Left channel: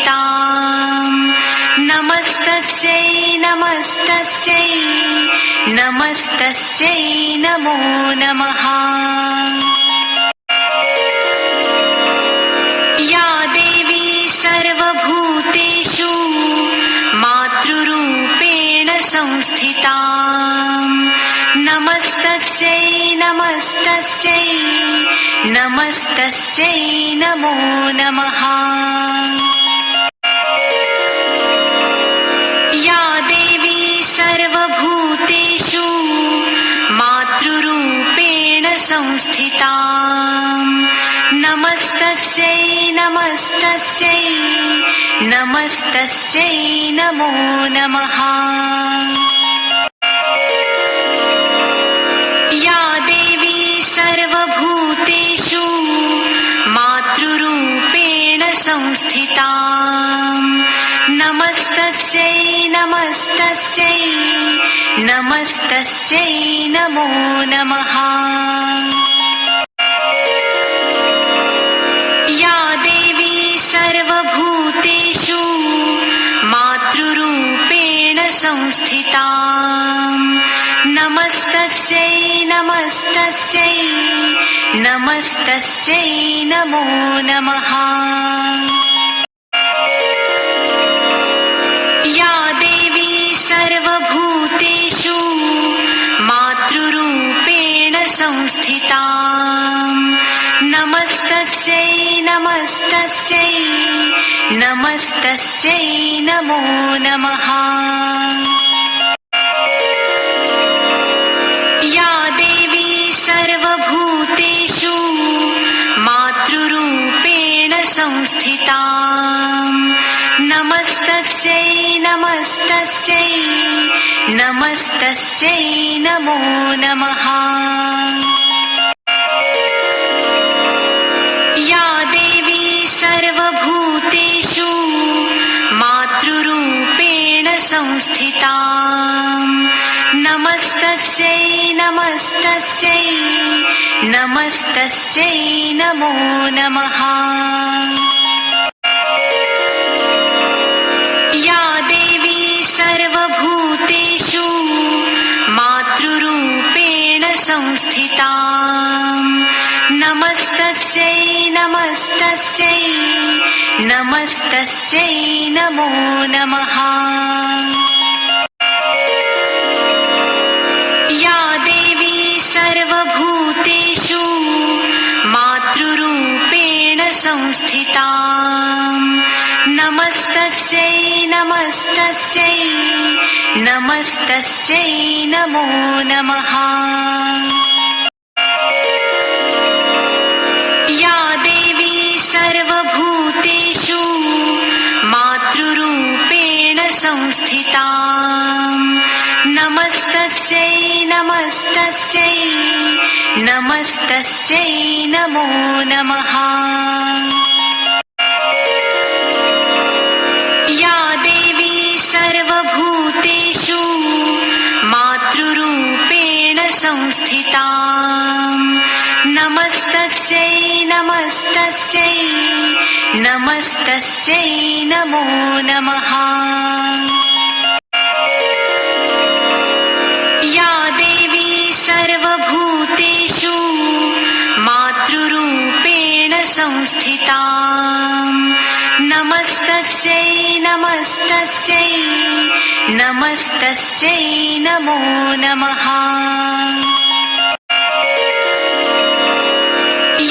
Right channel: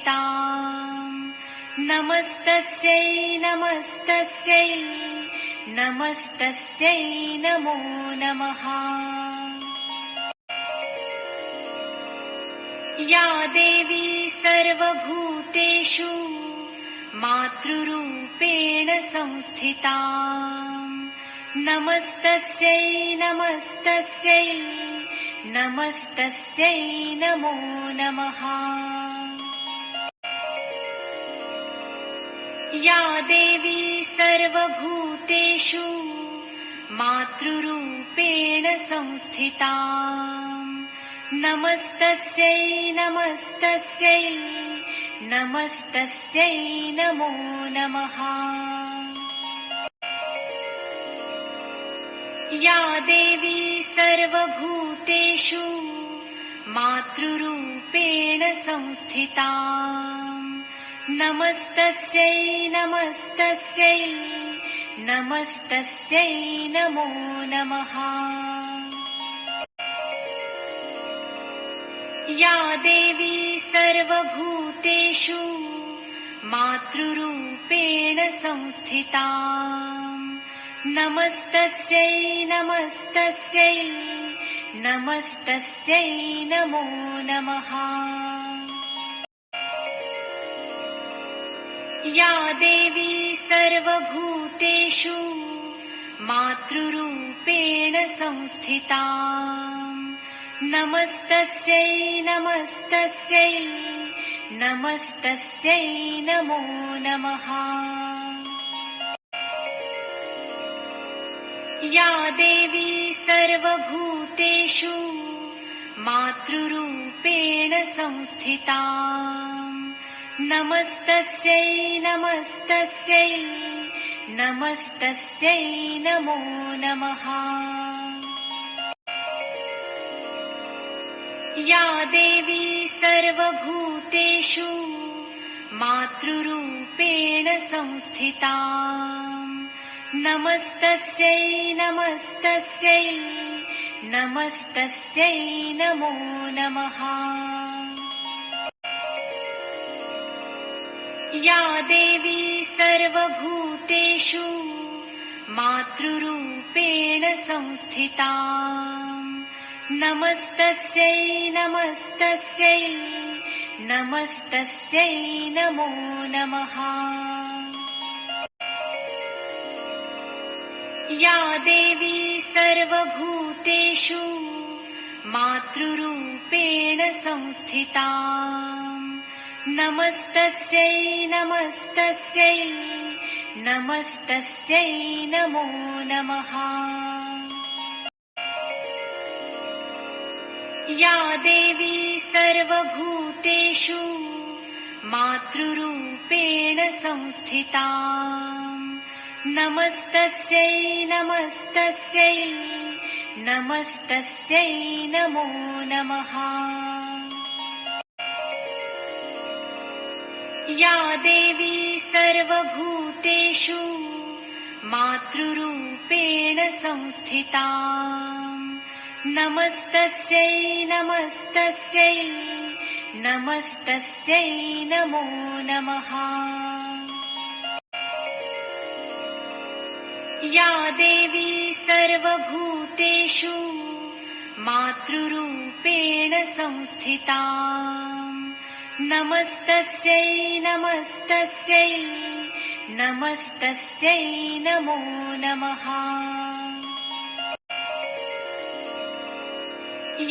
संस्थिताम् नमस्तस्यै नमस्तस्यै नमस्तस्यै नमो नमः। या देवी सर्वभूतेषु मातृरूपेण संस्थिता नमस्तस्यै नमस्तस्यै नमस्तस्यै नमो नमः। या देवी सर्वभूतेषु मातृरूपेण संस्थिता नमस्तस्यै नमस्तस्यै नमस्तस्यै नमो नमः। या देवी सर्वभूतेषु मातृरूपेण संस्थिता नमस्तस्यै नमस्तस्यै नमस्तस्यै नमो नमः। या देवी सर्वभूतेषु मातृरूपेण संस्थिता नमस्तस्यै नमस्तस्यै नमस्तस्यै नमो नमः। या देवी सर्वभूतेषु मातृरूपेण संस्थिता नमस्तस्यै नमस्तस्यै नमस्तस्यै नमो नमः। या देवी सर्वभूतेषु मातृरूपेण संस्थिता नमस्तस्यै नमस्तस्यै नमस्तस्यै नमो नमः। या देवी सर्वभूतेषु मातृरूपेण संस्थिता नमस्तस्यै नमस्तस्यै नमस्तस्यै नमो नमः। या देवी सर्वभूतेषु मातृरूपेण संस्थिता नमस्तस्यै नमस्तस्यै नमस्तस्यै नमो नमः। या देवी सर्वभूतेषु मातृरूपेण संस्थिता नमस्तस्यै नमस्तस्यै नमस्तस्यै नमो नमः। या देवी सर्वभूतेषु मातृरूपेण संस्थिता नमस्तस्यै नमस्तस्यै नमस्तस्यै नमो नमः। या देवी सर्वभूतेषु मातृरूपेण संस्थिता नमस्तस्यै नमस्तस्यै नमस्तस्यै नमो नमः। या देवी सर्वभूतेषु मातृरूपेण संस्थिता नमस्तस्यै नमस्तस्यै नमस्तस्यै नमो नमः।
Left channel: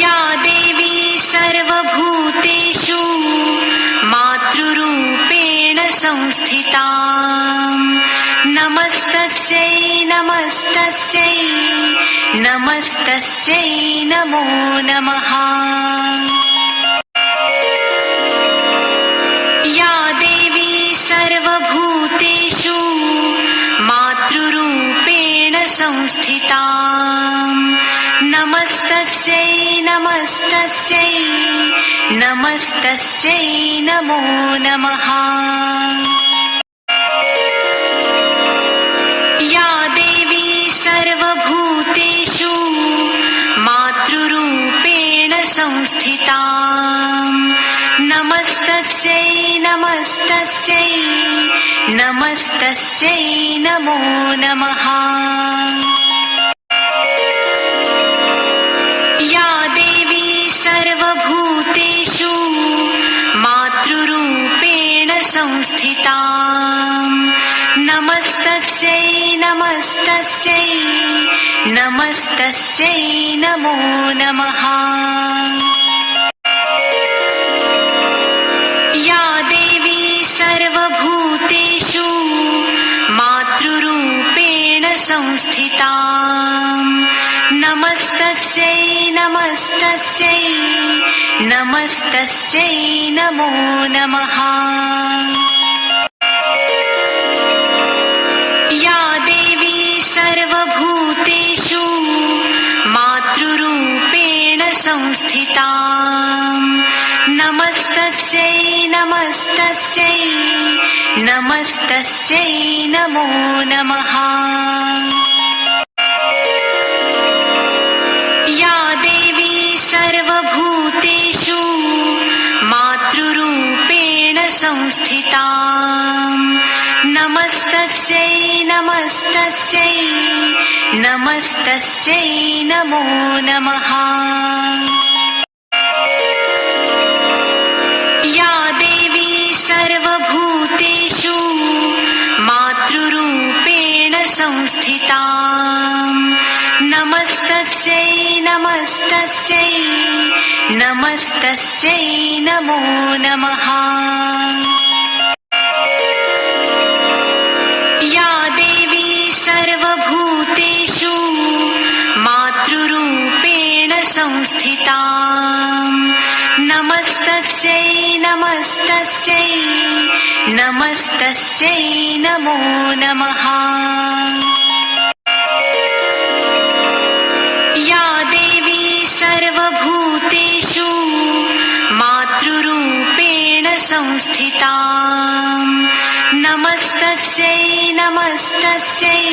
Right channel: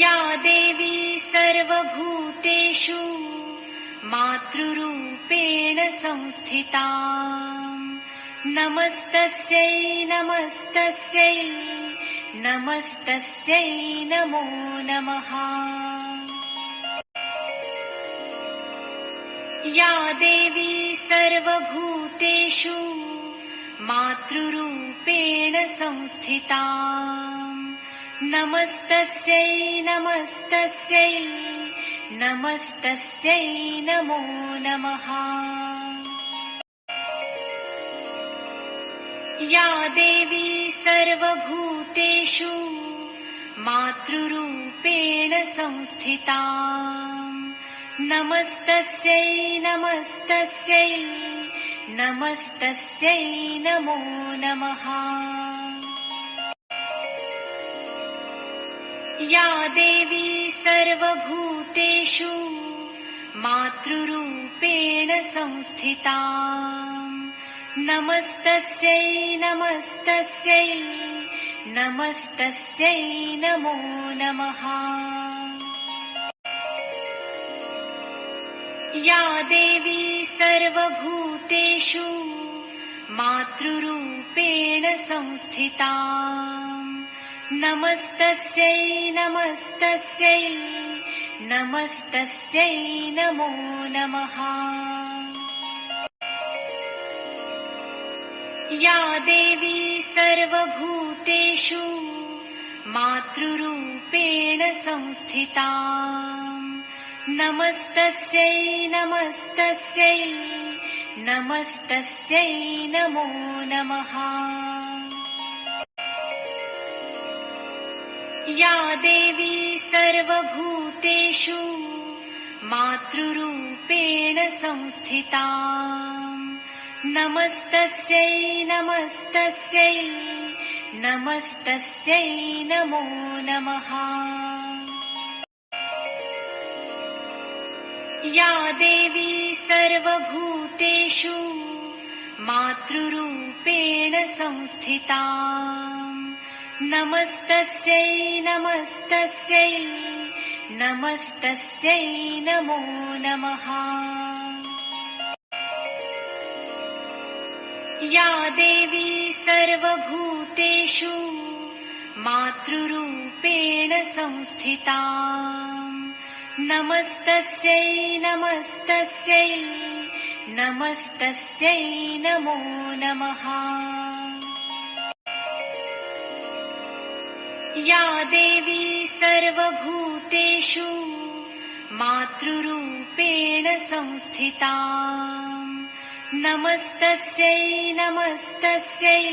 या देवी सर्वभूतेषु मातृरूपेण संस्थिता नमस्तस्यै नमस्तस्यै नमस्तस्यै नमो नमः। या देवी सर्वभूतेषु मातृरूपेण संस्थिता नमस्तस्यै नमस्तस्यै नमस्तस्यै नमो नमः। या देवी सर्वभूतेषु मातृरूपेण संस्थिता नमस्तस्यै नमस्तस्यै नमस्तस्यै नमस्तस्यै नमो नमः। या देवी सर्वभूतेषु मातृरूपेण संस्थिता नमस्तस्यै नमस्तस्यै नमस्तस्यै नमो नमः। या देवी सर्वभूतेषु मातृरूपेण संस्थिता नमस्तस्यै नमस्तस्यै नमस्तस्यै नमो नमः। या देवी सर्वभूतेषु मातृरूपेण संस्थिता नमस्तस्यै नमस्तस्यै नमस्तस्यै नमो नमः। या देवी सर्वभूतेषु मातृरूपेण संस्थिता नमस्तस्यै नमस्तस्यै नमस्तस्यै नमो नमः। या देवी सर्वभूतेषु मातृरूपेण संस्थिता नमस्तस्यै नमस्तस्यै नमस्तस्यै नमो नमः। या देवी सर्वभूतेषु मातृरूपेण संस्थिता नमस्तस्यै नमस्तस्यै नमस्तस्यै नमो नमः। या देवी सर्वभूतेषु मातृरूपेण संस्थिता नमस्तस्यै नमस्तस्यै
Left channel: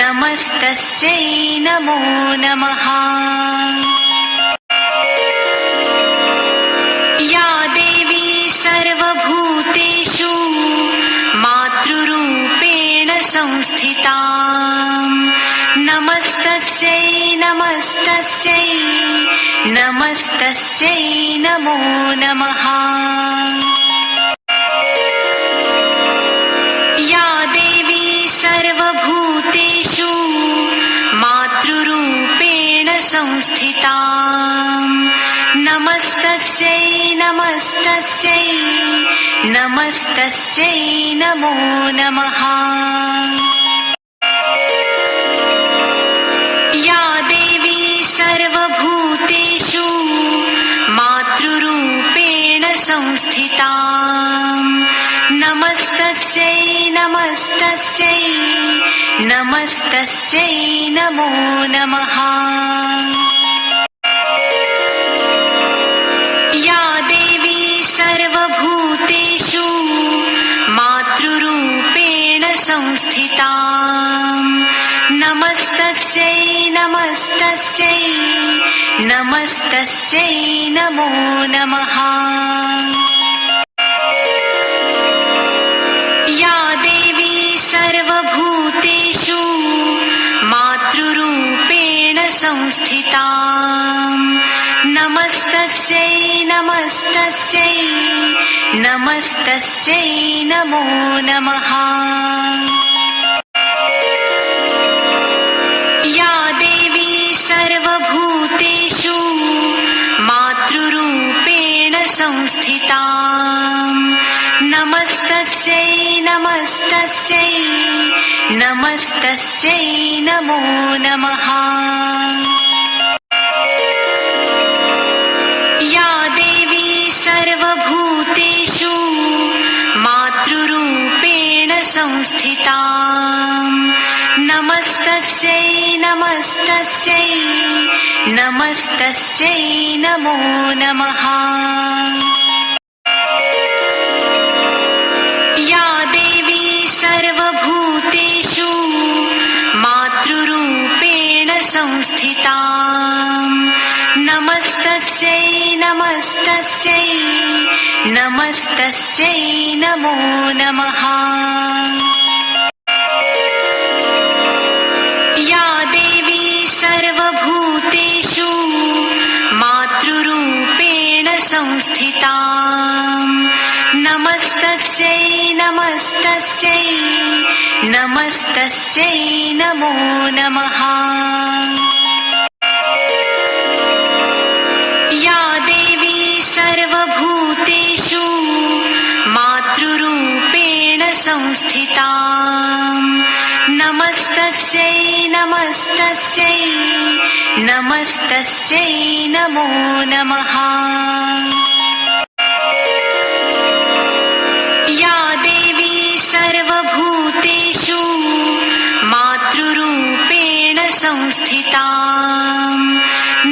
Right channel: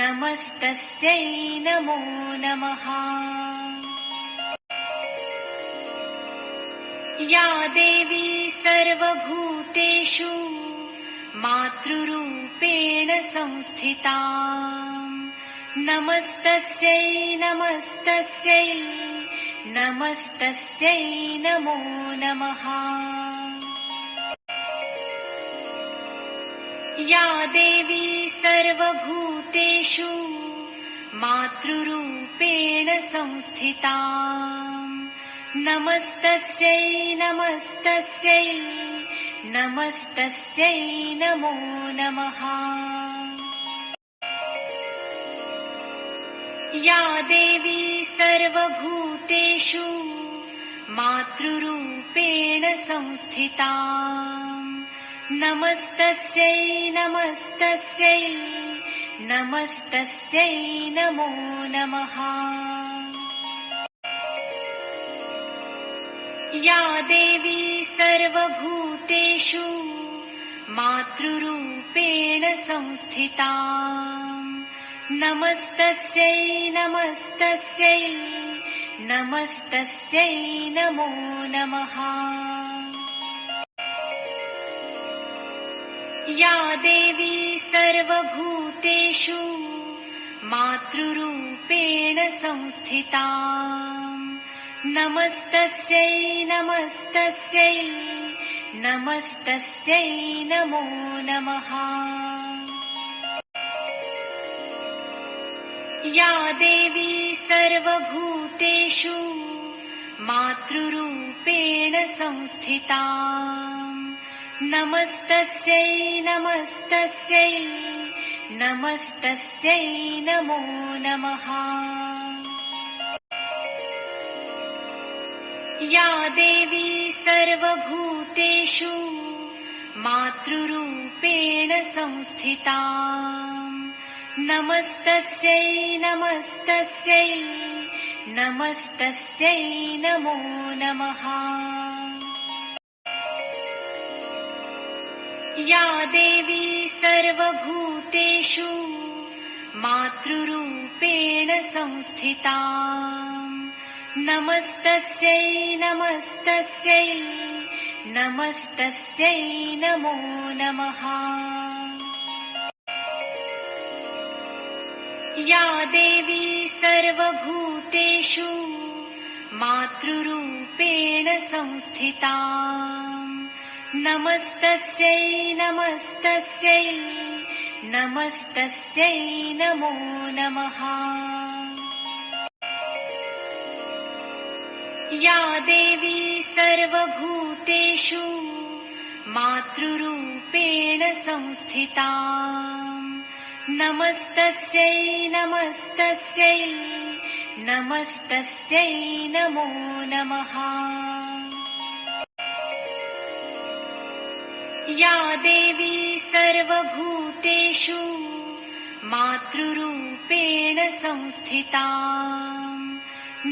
नमस्तस्यै नमो नमः। या देवी सर्वभूतेषु मातृरूपेण संस्थिता नमस्तस्यै नमस्तस्यै नमस्तस्यै नमो नमः। या देवी सर्वभूतेषु मातृरूपेण संस्थिता नमस्तस्यै नमस्तस्यै नमस्तस्यै नमो नमः। या देवी सर्वभूतेषु मातृरूपेण संस्थिता नमस्तस्यै नमस्तस्यै नमस्तस्यै नमो नमः। या देवी सर्वभूतेषु मातृरूपेण संस्थिता नमस्तस्यै नमस्तस्यै नमस्तस्यै नमो नमः। या देवी सर्वभूतेषु मातृरूपेण संस्थिता नमस्तस्यै नमस्तस्यै नमस्तस्यै नमो नमः। या देवी सर्वभूतेषु मातृरूपेण संस्थिता नमस्तस्यै नमस्तस्यै नमस्तस्यै नमो नमः। या देवी सर्वभूतेषु मातृरूपेण संस्थिता नमस्तस्यै नमस्तस्यै नमस्तस्यै नमो नमः। या देवी सर्वभूतेषु मातृरूपेण संस्थिता नमस्तस्यै नमस्तस्यै नमस्तस्यै नमस्तस्यै नमो नमः। या देवी सर्वभूतेषु मातृरूपेण संस्थिता नमस्तस्यै नमस्तस्यै नमस्तस्यै नमो नमः। या देवी सर्वभूतेषु मातृरूपेण संस्थिता नमस्तस्यै नमस्तस्यै नमस्तस्यै नमो नमः। या देवी सर्वभूतेषु मातृरूपेण संस्थिता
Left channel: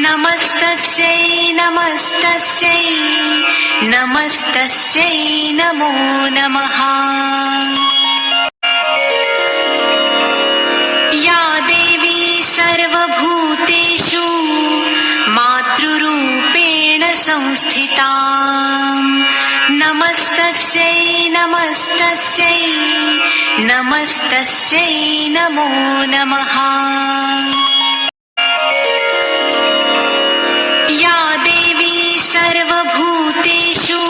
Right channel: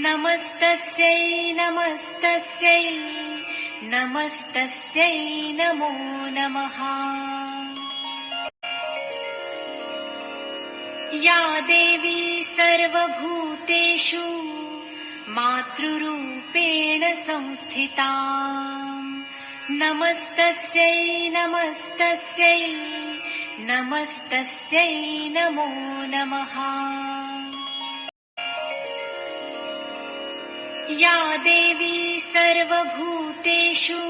नमस्तस्यै नमस्तस्यै नमस्तस्यै नमो नमः। या देवी सर्वभूतेषु मातृरूपेण संस्थिता नमस्तस्यै नमस्तस्यै नमस्तस्यै नमो नमः। या देवी सर्वभूतेषु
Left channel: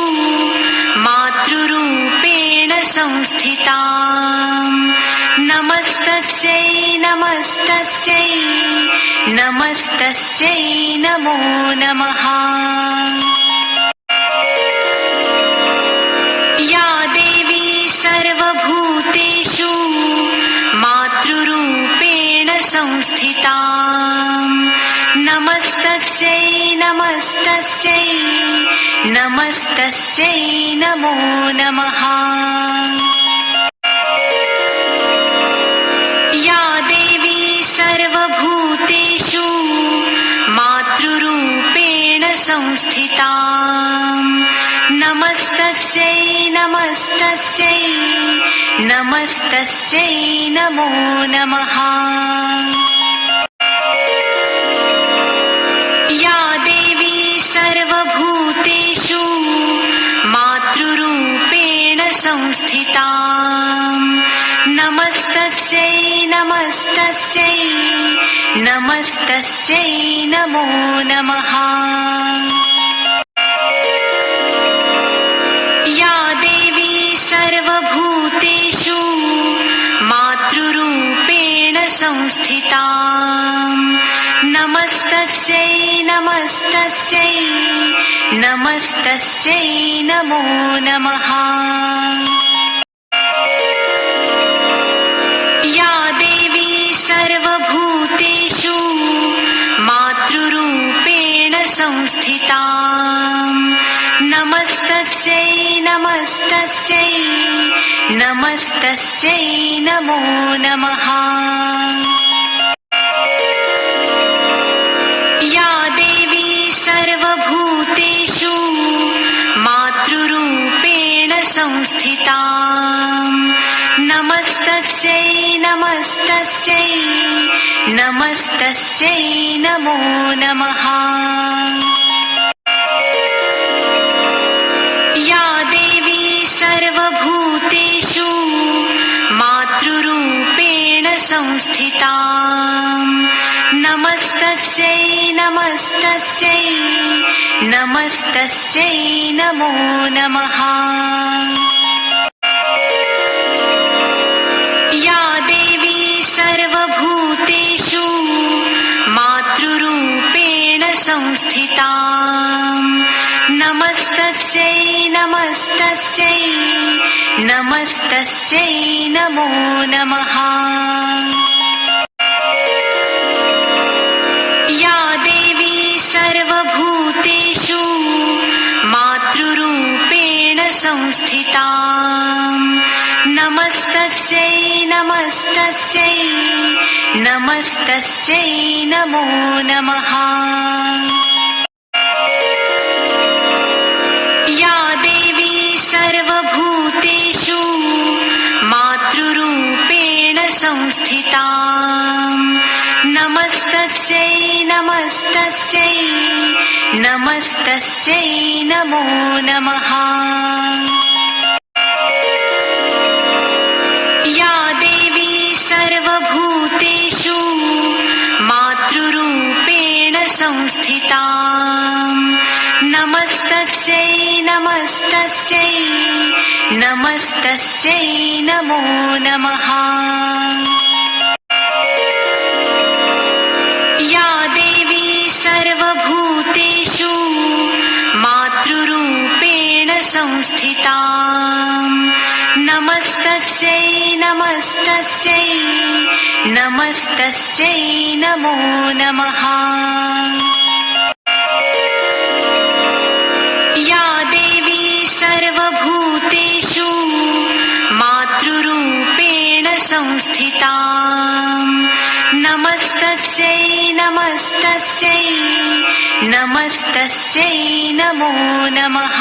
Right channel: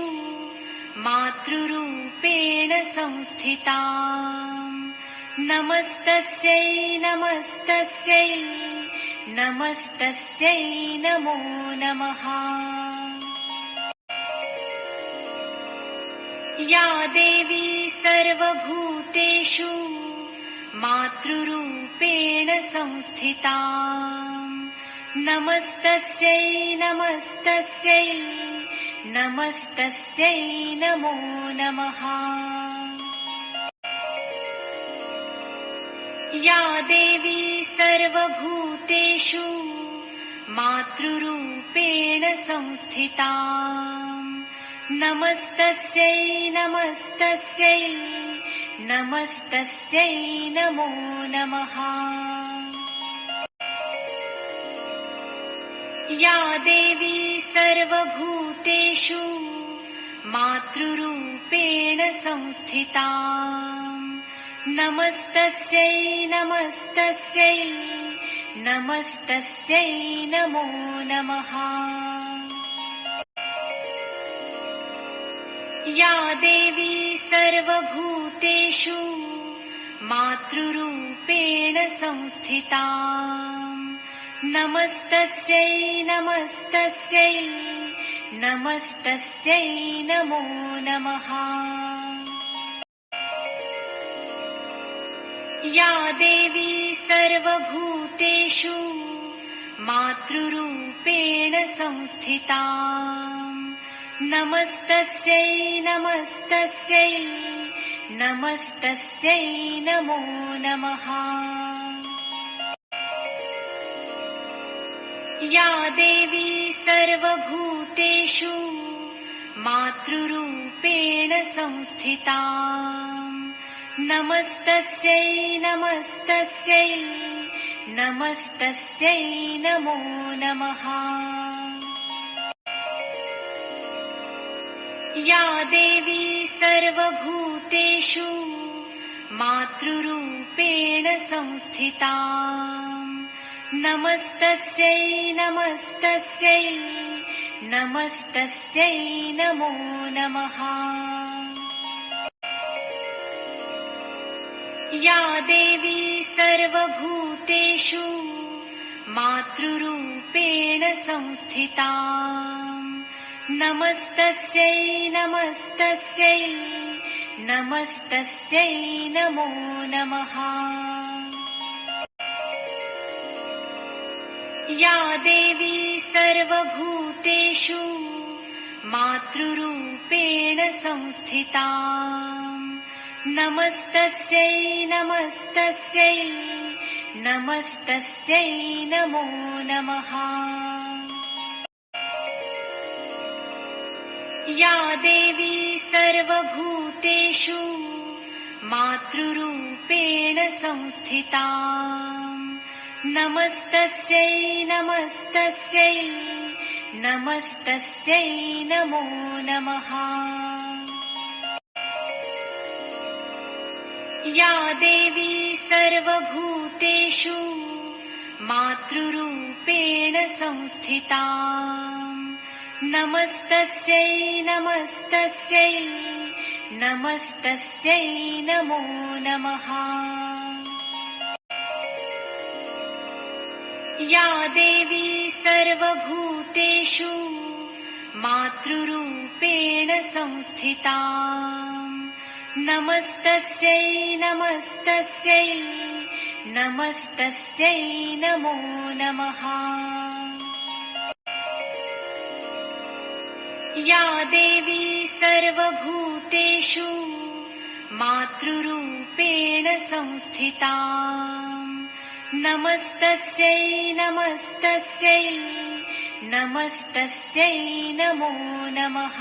मातृरूपेण संस्थिता नमस्तस्यै नमस्तस्यै नमस्तस्यै नमो नमः। या देवी सर्वभूतेषु मातृरूपेण संस्थिता नमस्तस्यै नमस्तस्यै नमस्तस्यै नमो नमः। या देवी सर्वभूतेषु मातृरूपेण संस्थिता नमस्तस्यै नमस्तस्यै नमस्तस्यै नमो नमः। या देवी सर्वभूतेषु मातृरूपेण संस्थिता नमस्तस्यै नमस्तस्यै नमस्तस्यै नमो नमः। या देवी सर्वभूतेषु मातृरूपेण संस्थिता नमस्तस्यै नमस्तस्यै नमस्तस्यै नमो नमः। या देवी सर्वभूतेषु मातृरूपेण संस्थिता नमस्तस्यै नमस्तस्यै नमस्तस्यै नमो नमः। या देवी सर्वभूतेषु मातृरूपेण संस्थिता नमस्तस्यै नमस्तस्यै नमस्तस्यै नमो नमः। या देवी सर्वभूतेषु मातृरूपेण संस्थिता नमस्तस्यै नमस्तस्यै नमस्तस्यै नमो नमः। या देवी सर्वभूतेषु मातृरूपेण संस्थिता नमस्तस्यै नमस्तस्यै नमस्तस्यै नमो नमः। या देवी सर्वभूतेषु मातृरूपेण संस्थिता नमस्तस्यै नमस्तस्यै नमस्तस्यै नमो नमः। या देवी सर्वभूतेषु मातृरूपेण संस्थिता नमस्तस्यै नमस्तस्यै नमस्तस्यै नमस्तस्यै नमो नमः। या देवी सर्वभूतेषु मातृरूपेण संस्थिता नमस्तस्यै नमस्तस्यै नमस्तस्यै नमो नमः। या देवी सर्वभूतेषु मातृरूपेण संस्थिता नमस्तस्यै नमस्तस्यै नमस्तस्यै नमो नमः। या देवी सर्वभूतेषु मातृरूपेण संस्थिता नमस्तस्यै नमस्तस्यै नमस्तस्यै नमो नमः।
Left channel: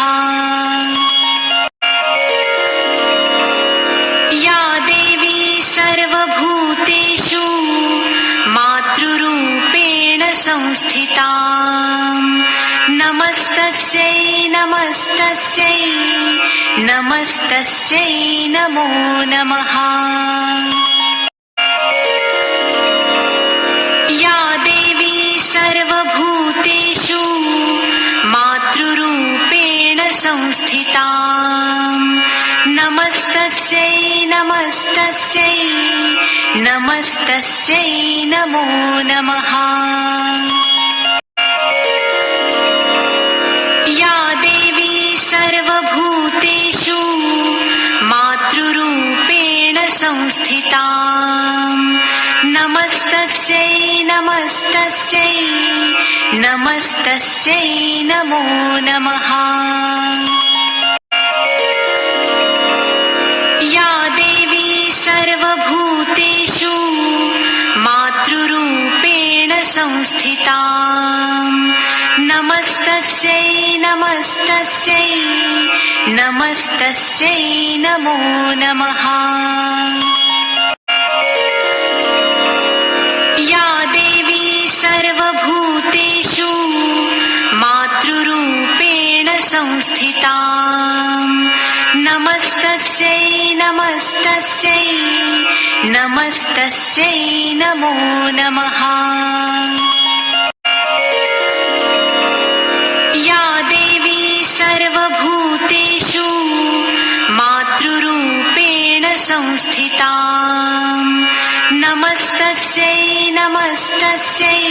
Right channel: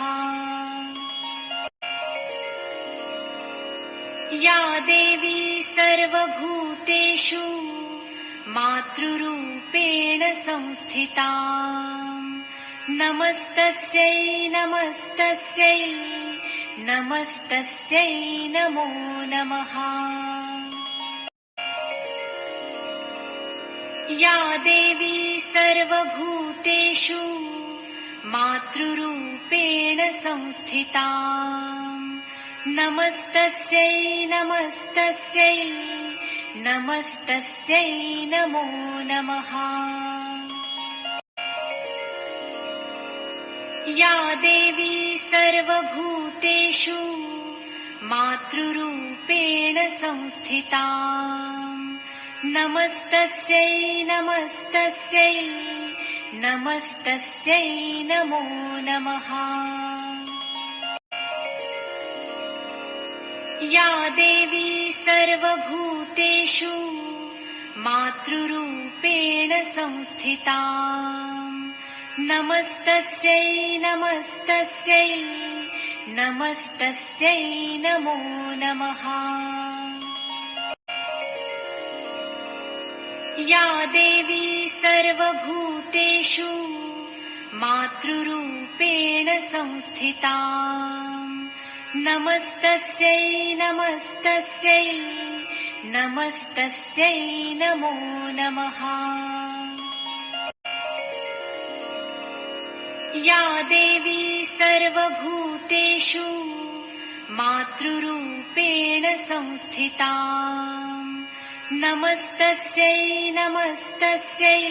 या देवी सर्वभूतेषु मातृरूपेण संस्थिता नमस्तस्यै नमस्तस्यै नमस्तस्यै नमो नमः। या देवी सर्वभूतेषु मातृरूपेण संस्थिता नमस्तस्यै नमस्तस्यै नमस्तस्यै नमो नमः। या देवी सर्वभूतेषु मातृरूपेण संस्थिता नमस्तस्यै नमस्तस्यै नमस्तस्यै नमो नमः। या देवी सर्वभूतेषु मातृरूपेण संस्थिता नमस्तस्यै नमस्तस्यै नमस्तस्यै नमो नमः। या देवी सर्वभूतेषु मातृरूपेण संस्थिता नमस्तस्यै नमस्तस्यै नमस्तस्यै नमो नमः। या देवी सर्वभूतेषु मातृरूपेण संस्थिता नमस्तस्यै नमस्तस्यै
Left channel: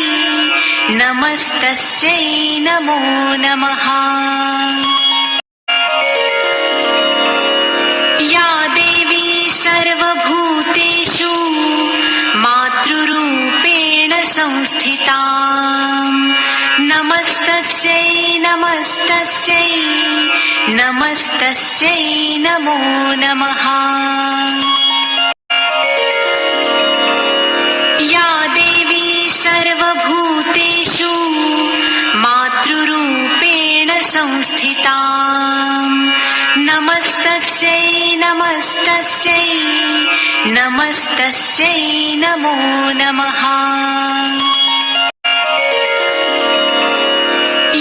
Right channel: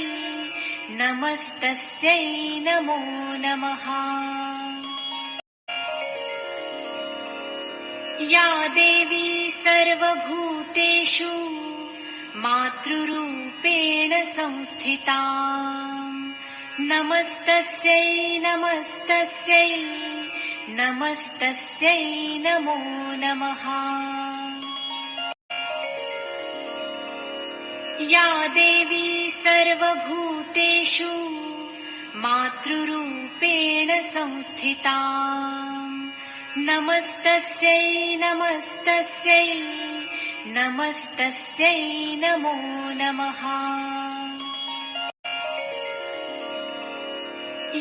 नमस्तस्यै नमो नमः। या देवी सर्वभूतेषु मातृरूपेण संस्थिता नमस्तस्यै नमस्तस्यै नमस्तस्यै नमो नमः। या देवी सर्वभूतेषु मातृरूपेण संस्थिता नमस्तस्यै नमस्तस्यै नमस्तस्यै नमो नमः।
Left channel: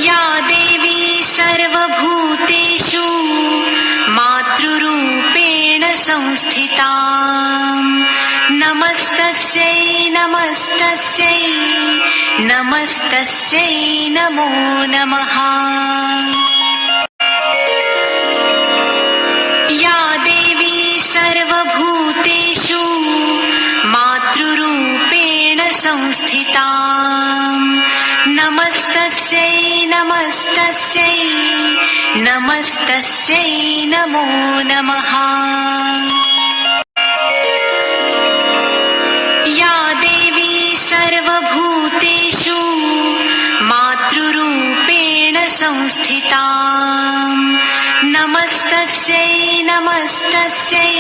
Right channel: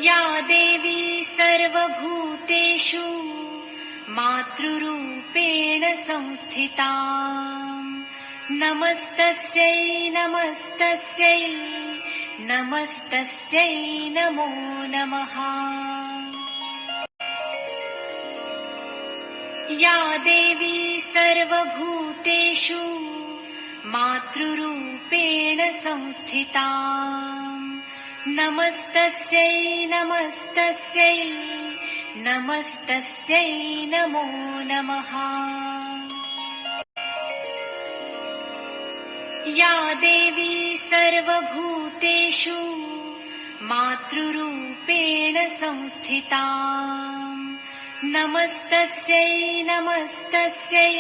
या देवी सर्वभूतेषु मातृरूपेण संस्थिता नमस्तस्यै नमस्तस्यै नमस्तस्यै नमो नमः। या देवी सर्वभूतेषु मातृरूपेण संस्थिता नमस्तस्यै नमस्तस्यै नमस्तस्यै नमो नमः। या देवी सर्वभूतेषु मातृरूपेण संस्थिता नमस्तस्यै नमस्तस्यै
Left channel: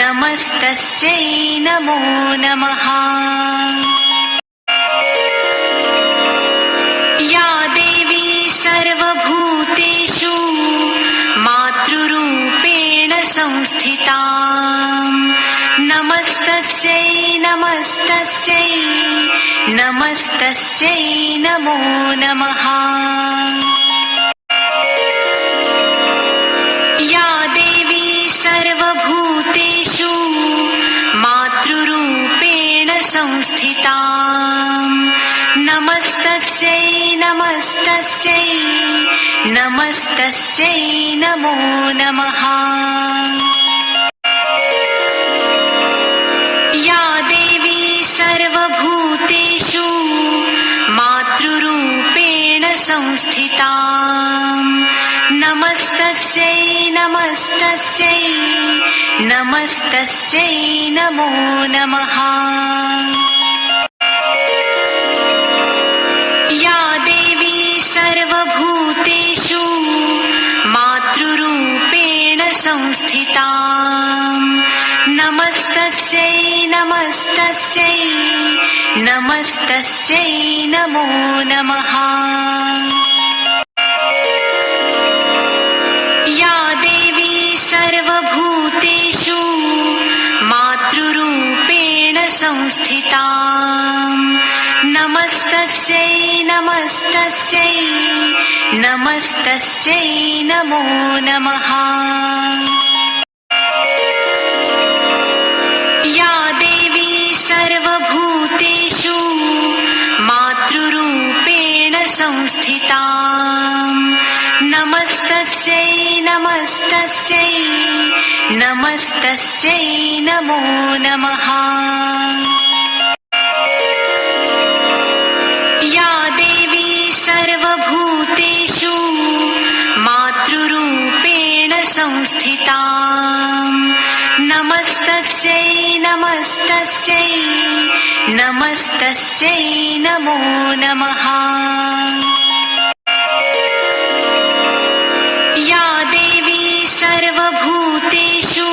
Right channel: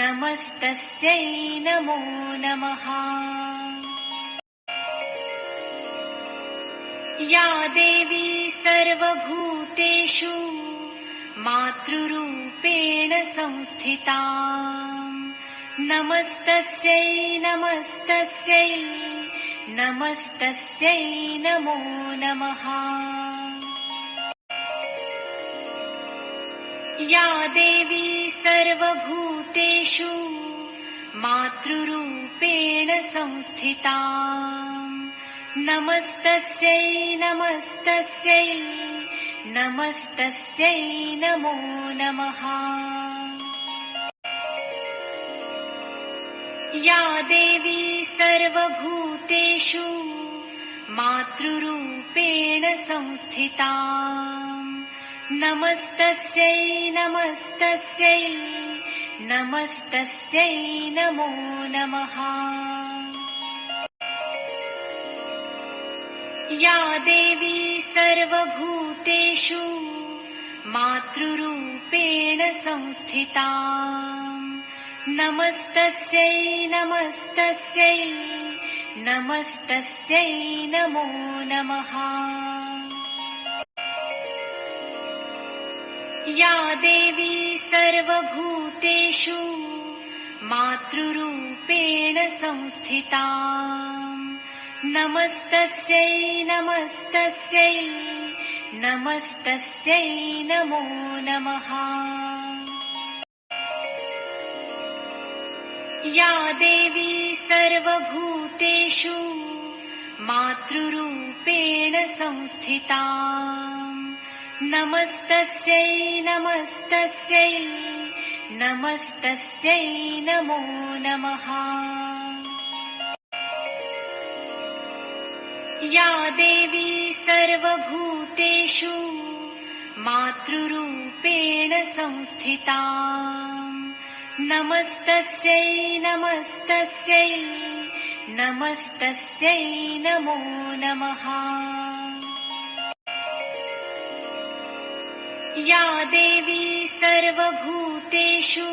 नमस्तस्यै नमो नमः। या देवी सर्वभूतेषु मातृरूपेण संस्थिता नमस्तस्यै नमस्तस्यै नमस्तस्यै नमो नमः। या देवी सर्वभूतेषु मातृरूपेण संस्थिता नमस्तस्यै नमस्तस्यै नमस्तस्यै नमो नमः। या देवी सर्वभूतेषु मातृरूपेण संस्थिता नमस्तस्यै नमस्तस्यै नमस्तस्यै नमो नमः। या देवी सर्वभूतेषु मातृरूपेण संस्थिता नमस्तस्यै नमस्तस्यै नमस्तस्यै नमो नमः। या देवी सर्वभूतेषु मातृरूपेण संस्थिता नमस्तस्यै नमस्तस्यै नमस्तस्यै नमो नमः। या देवी सर्वभूतेषु मातृरूपेण संस्थिता नमस्तस्यै नमस्तस्यै नमस्तस्यै नमो नमः। या देवी सर्वभूतेषु मातृरूपेण संस्थिता नमस्तस्यै नमस्तस्यै नमस्तस्यै नमो नमः। या देवी सर्वभूतेषु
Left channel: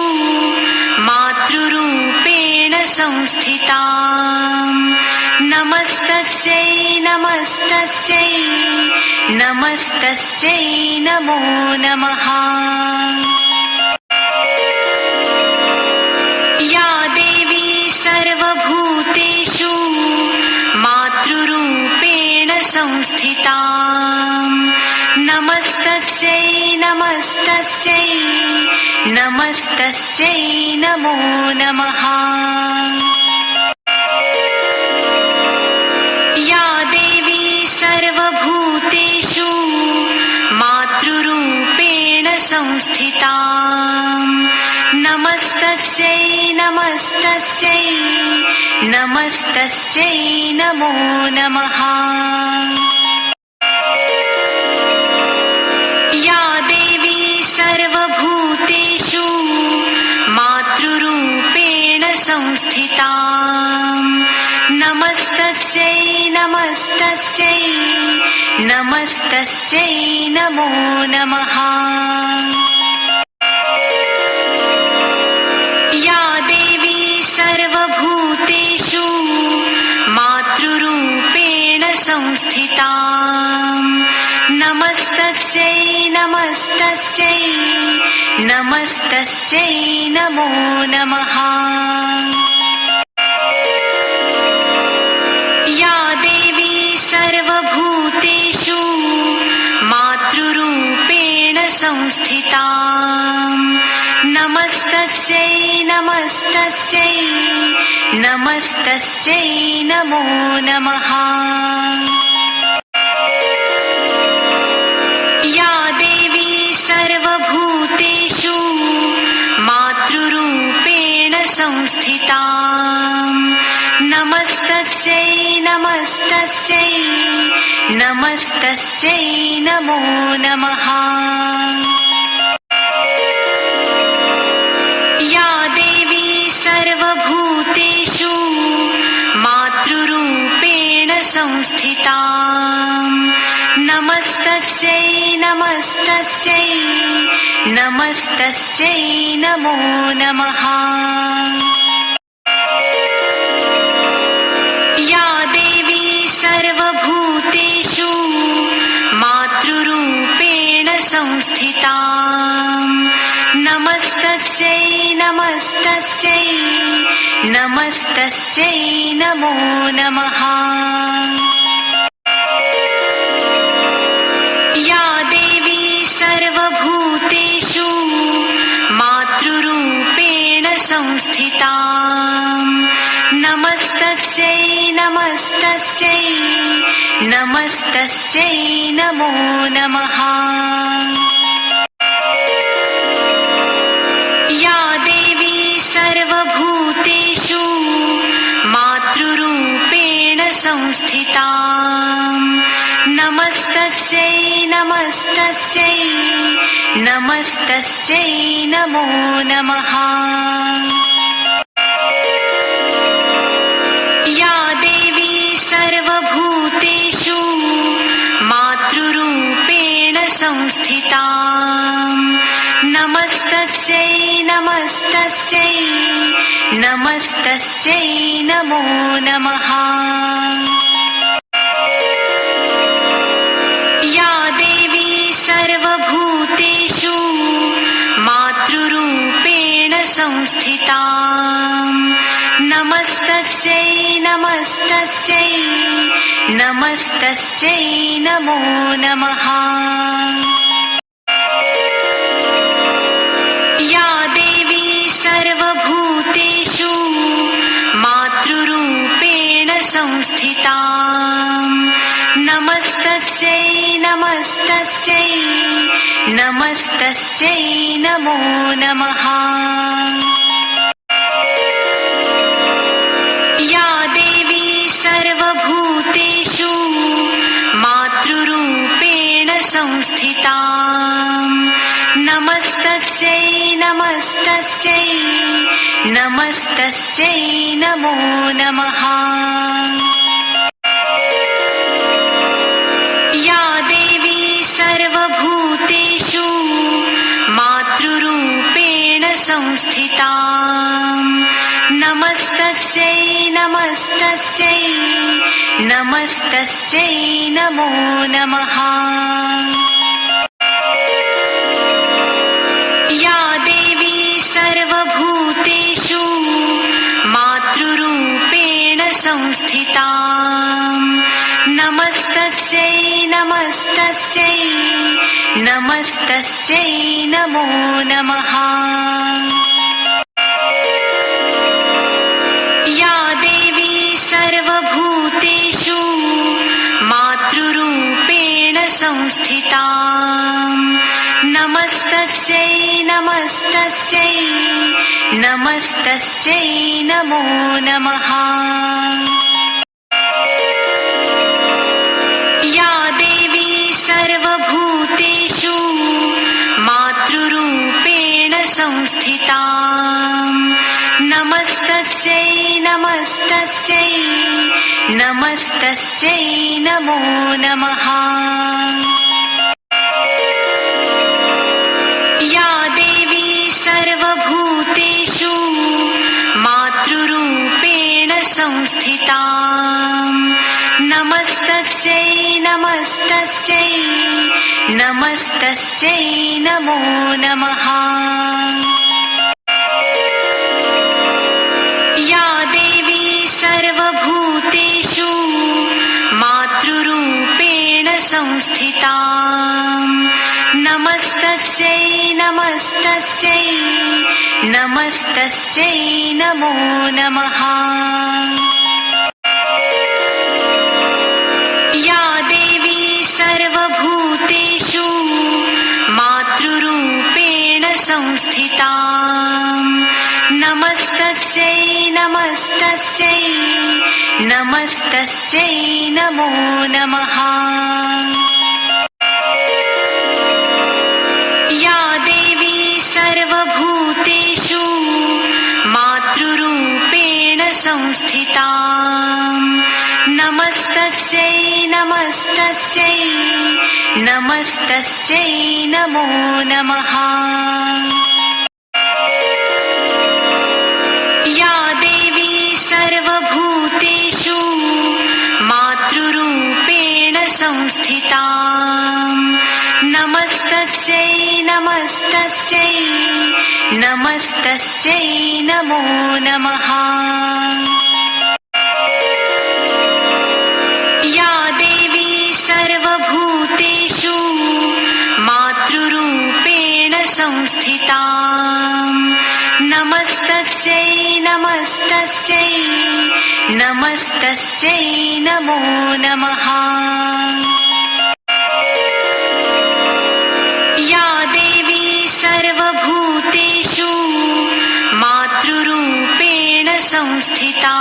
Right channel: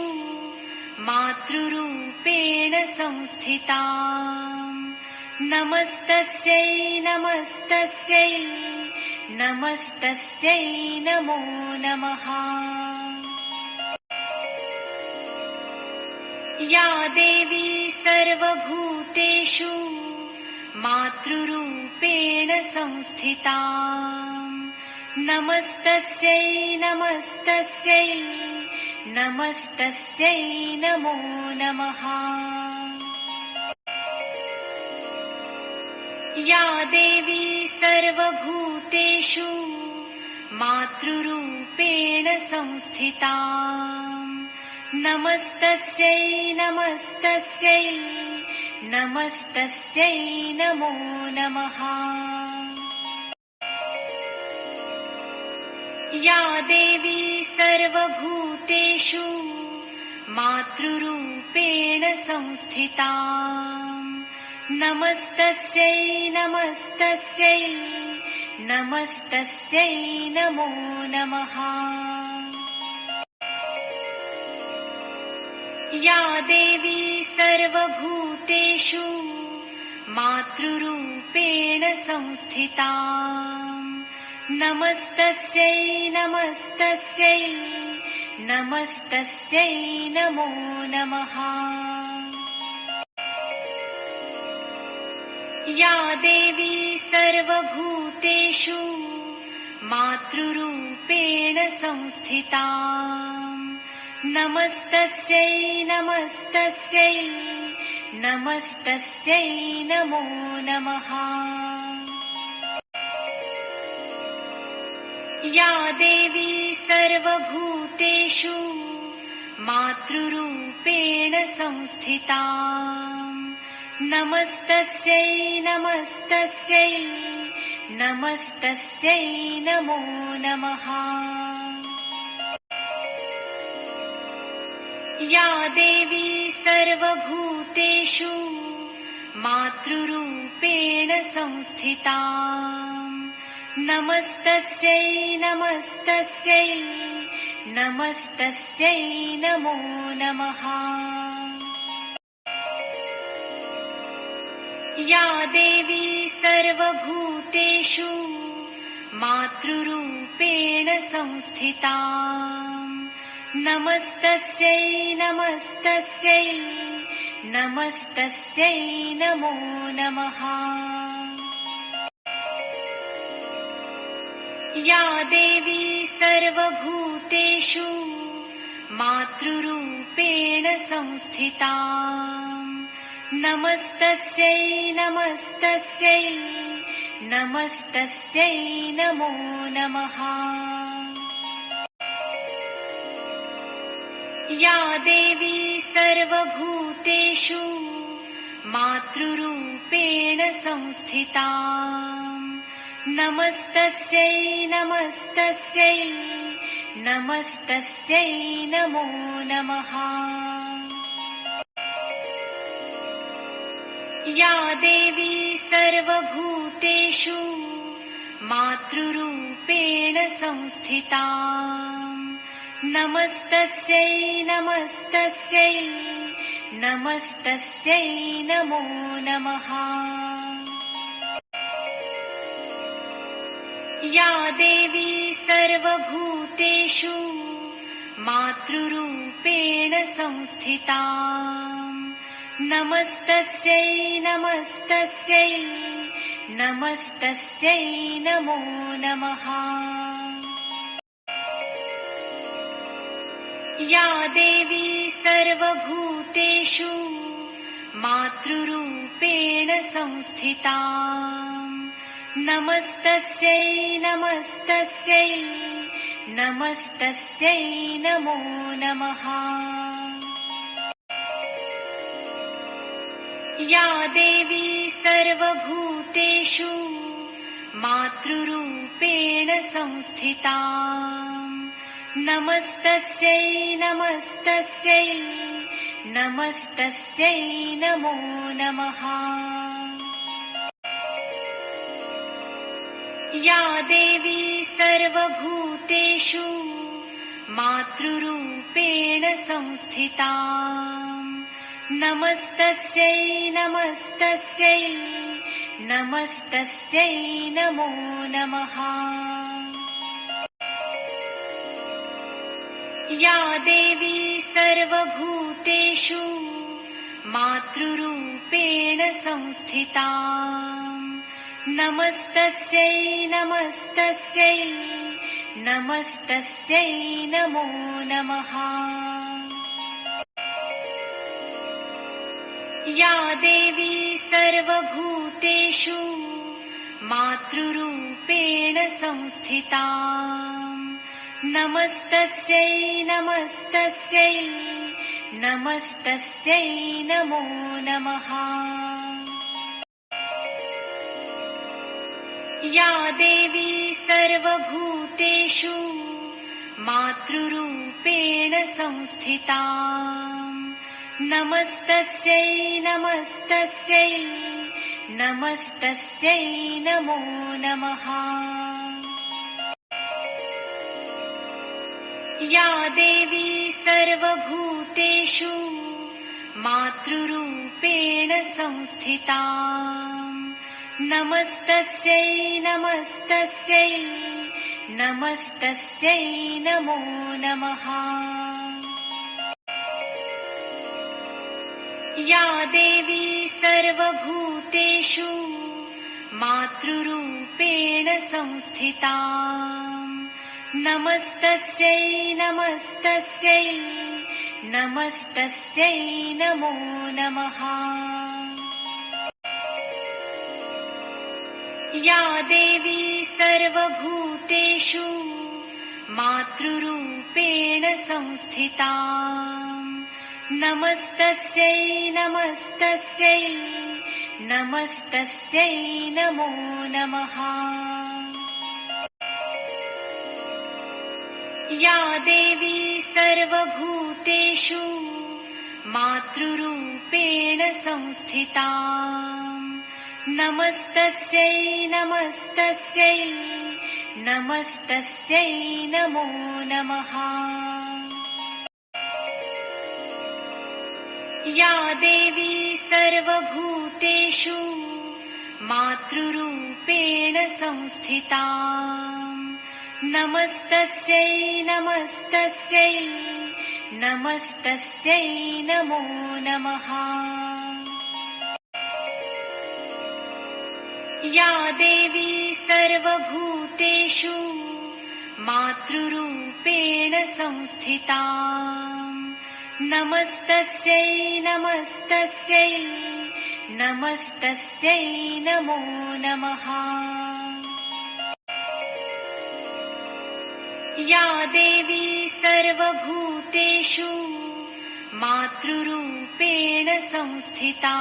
मातृरूपेण संस्थिता नमस्तस्यै नमस्तस्यै नमस्तस्यै नमो नमः। या देवी सर्वभूतेषु मातृरूपेण संस्थिता नमस्तस्यै नमस्तस्यै नमस्तस्यै नमो नमः। या देवी सर्वभूतेषु मातृरूपेण संस्थिता नमस्तस्यै नमस्तस्यै नमस्तस्यै नमो नमः। या देवी सर्वभूतेषु मातृरूपेण संस्थिता नमस्तस्यै नमस्तस्यै नमस्तस्यै नमो नमः। या देवी सर्वभूतेषु मातृरूपेण संस्थिता नमस्तस्यै नमस्तस्यै नमस्तस्यै नमो नमः। या देवी सर्वभूतेषु मातृरूपेण संस्थिता नमस्तस्यै नमस्तस्यै नमस्तस्यै नमो नमः। या देवी सर्वभूतेषु मातृरूपेण संस्थिता नमस्तस्यै नमस्तस्यै नमस्तस्यै नमो नमः। या देवी सर्वभूतेषु मातृरूपेण संस्थिता नमस्तस्यै नमस्तस्यै नमस्तस्यै नमो नमः। या देवी सर्वभूतेषु मातृरूपेण संस्थिता नमस्तस्यै नमस्तस्यै नमस्तस्यै नमो नमः। नमस्तस्यै नमस्तस्यै नमस्तस्यै नमो नमः। या देवी सर्वभूतेषु मातृरूपेण संस्थिता नमस्तस्यै नमस्तस्यै नमस्तस्यै नमो नमः। या देवी सर्वभूतेषु मातृरूपेण संस्थिता नमस्तस्यै नमस्तस्यै नमस्तस्यै नमो नमः। या देवी सर्वभूतेषु मातृरूपेण संस्थिता नमस्तस्यै नमस्तस्यै नमस्तस्यै नमो नमः। या देवी सर्वभूतेषु मातृरूपेण संस्थिता नमस्तस्यै नमस्तस्यै नमस्तस्यै नमो नमः। या देवी सर्वभूतेषु मातृरूपेण संस्थिता नमस्तस्यै नमस्तस्यै नमस्तस्यै नमो नमः। या देवी सर्वभूतेषु मातृरूपेण संस्थिता नमस्तस्यै नमस्तस्यै नमस्तस्यै नमो नमः। या देवी सर्वभूतेषु मातृरूपेण संस्थिता नमस्तस्यै नमस्तस्यै नमस्तस्यै नमो नमः। या देवी सर्वभूतेषु मातृरूपेण संस्थिता नमस्तस्यै नमस्तस्यै नमस्तस्यै नमो नमः। या देवी सर्वभूतेषु मातृरूपेण संस्थिता नमस्तस्यै नमस्तस्यै नमस्तस्यै नमो नमः। या देवी सर्वभूतेषु मातृरूपेण संस्थिता नमस्तस्यै नमस्तस्यै नमस्तस्यै नमो नमः। या देवी सर्वभूतेषु मातृरूपेण संस्थिता नमस्तस्यै नमस्तस्यै नमस्तस्यै नमो नमः। या देवी सर्वभूतेषु मातृरूपेण संस्थिता नमस्तस्यै नमस्तस्यै नमस्तस्यै नमो नमः। या देवी सर्वभूतेषु मातृरूपेण संस्थिता नमस्तस्यै नमस्तस्यै नमस्तस्यै नमो नमः। या देवी सर्वभूतेषु मातृरूपेण संस्थिता नमस्तस्यै नमस्तस्यै नमस्तस्यै नमो नमः। या देवी सर्वभूतेषु मातृरूपेण संस्थिता नमस्तस्यै नमस्तस्यै नमस्तस्यै नमस्तस्यै नमो नमः। या देवी सर्वभूतेषु मातृरूपेण संस्थिता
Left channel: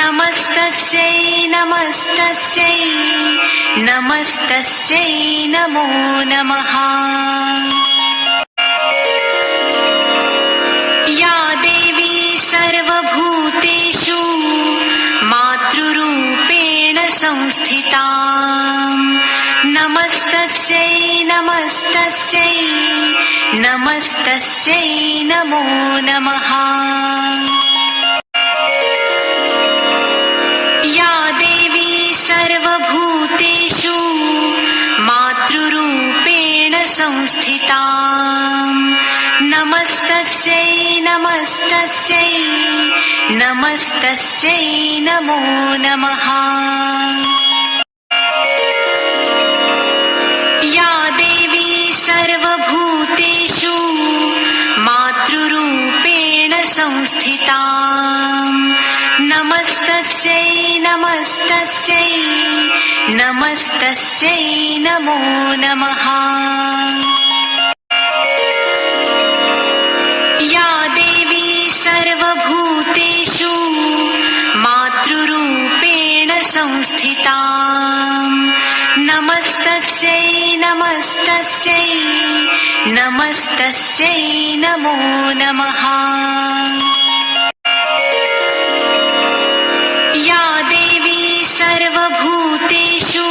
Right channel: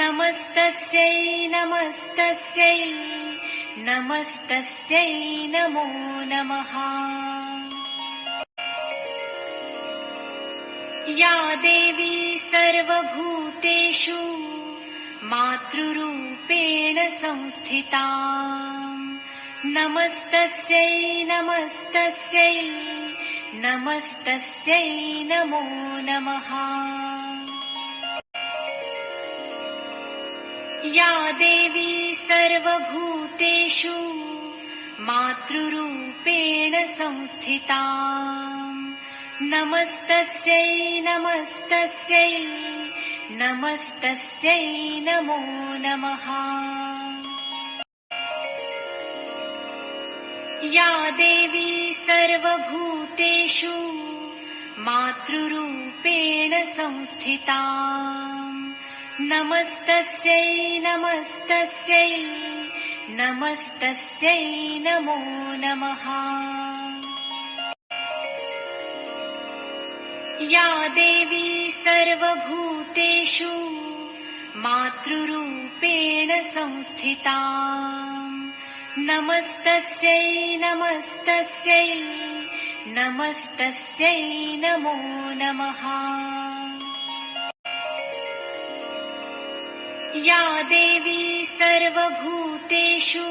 नमस्तस्यै नमस्तस्यै नमस्तस्यै नमो नमः। या देवी सर्वभूतेषु मातृरूपेण संस्थिता नमस्तस्यै नमस्तस्यै नमस्तस्यै नमो नमः। या देवी सर्वभूतेषु मातृरूपेण संस्थिता नमस्तस्यै नमस्तस्यै नमस्तस्यै नमो नमः। या देवी सर्वभूतेषु मातृरूपेण संस्थिता नमस्तस्यै नमस्तस्यै नमस्तस्यै नमो नमः। या देवी सर्वभूतेषु मातृरूपेण संस्थिता नमस्तस्यै नमस्तस्यै नमस्तस्यै नमो नमः। या देवी सर्वभूतेषु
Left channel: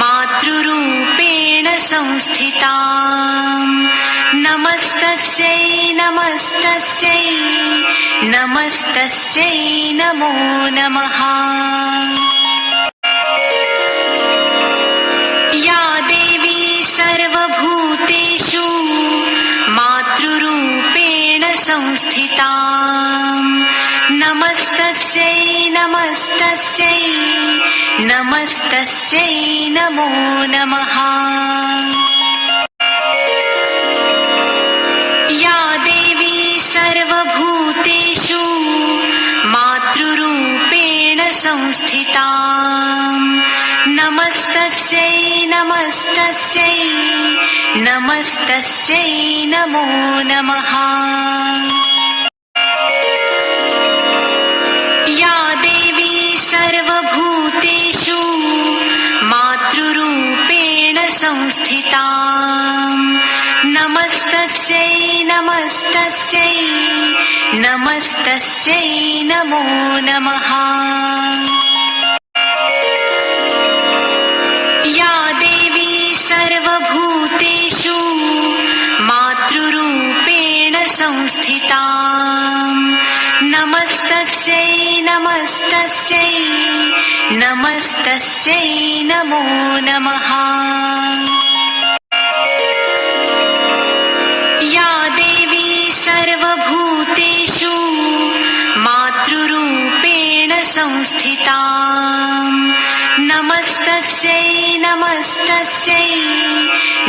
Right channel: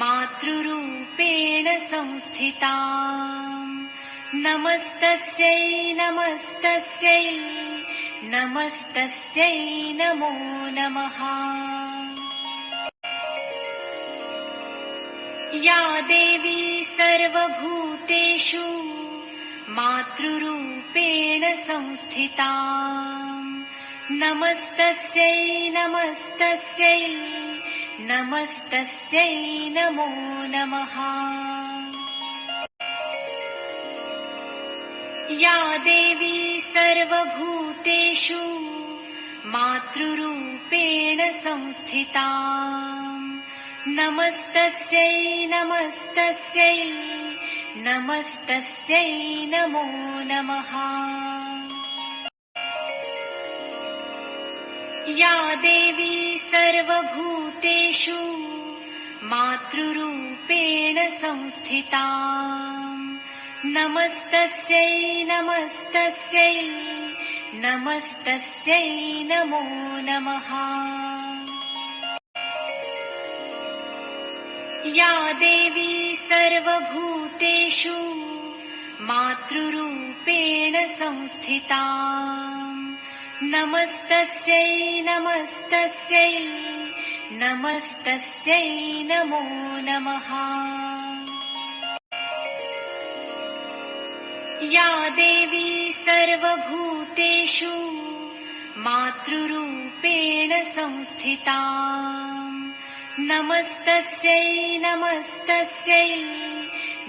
मातृरूपेण संस्थिता नमस्तस्यै नमस्तस्यै नमस्तस्यै नमो नमः। या देवी सर्वभूतेषु मातृरूपेण संस्थिता नमस्तस्यै नमस्तस्यै नमस्तस्यै नमो नमः। या देवी सर्वभूतेषु मातृरूपेण संस्थिता नमस्तस्यै नमस्तस्यै नमस्तस्यै नमो नमः। या देवी सर्वभूतेषु मातृरूपेण संस्थिता नमस्तस्यै नमस्तस्यै नमस्तस्यै नमो नमः। या देवी सर्वभूतेषु मातृरूपेण संस्थिता नमस्तस्यै नमस्तस्यै नमस्तस्यै नमो नमः। या देवी सर्वभूतेषु मातृरूपेण संस्थिता नमस्तस्यै नमस्तस्यै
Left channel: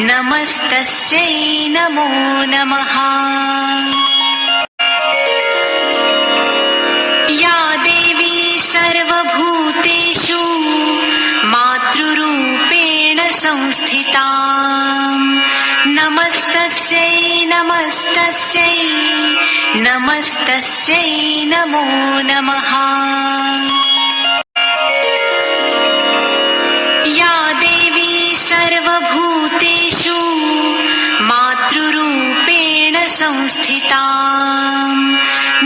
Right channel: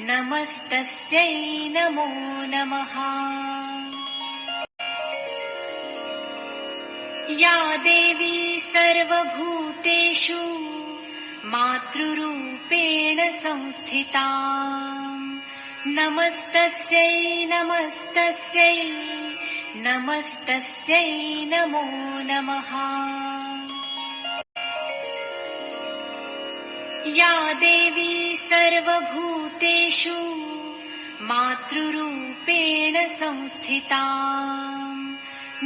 नमस्तस्यै नमो नमः। या देवी सर्वभूतेषु मातृरूपेण संस्थिता नमस्तस्यै नमस्तस्यै नमस्तस्यै नमो नमः। या देवी सर्वभूतेषु मातृरूपेण संस्थिता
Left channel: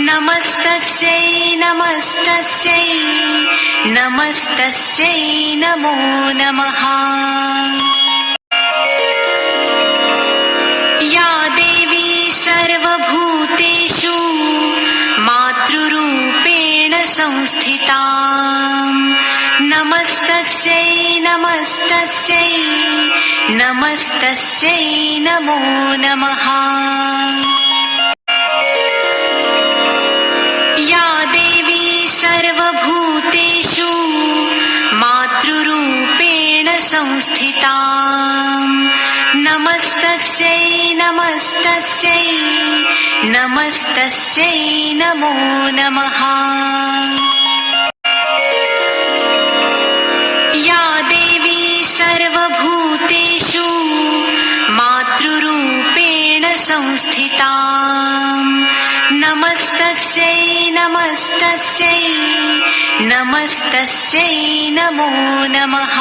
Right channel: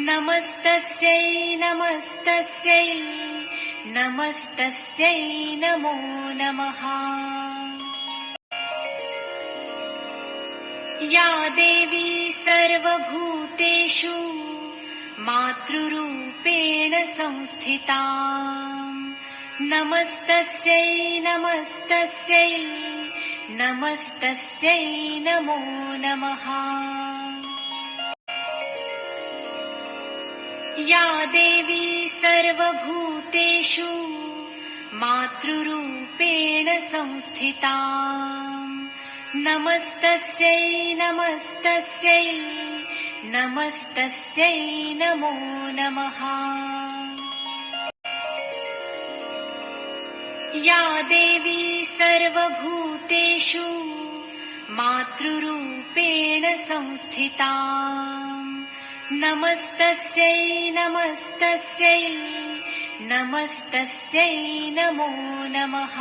नमस्तस्यै नमस्तस्यै नमस्तस्यै नमो नमः। या देवी सर्वभूतेषु मातृरूपेण संस्थिता नमस्तस्यै नमस्तस्यै नमस्तस्यै नमो नमः। या देवी सर्वभूतेषु मातृरूपेण संस्थिता नमस्तस्यै नमस्तस्यै नमस्तस्यै नमो नमः। या देवी सर्वभूतेषु मातृरूपेण संस्थिता नमस्तस्यै नमस्तस्यै नमस्तस्यै नमो नमः।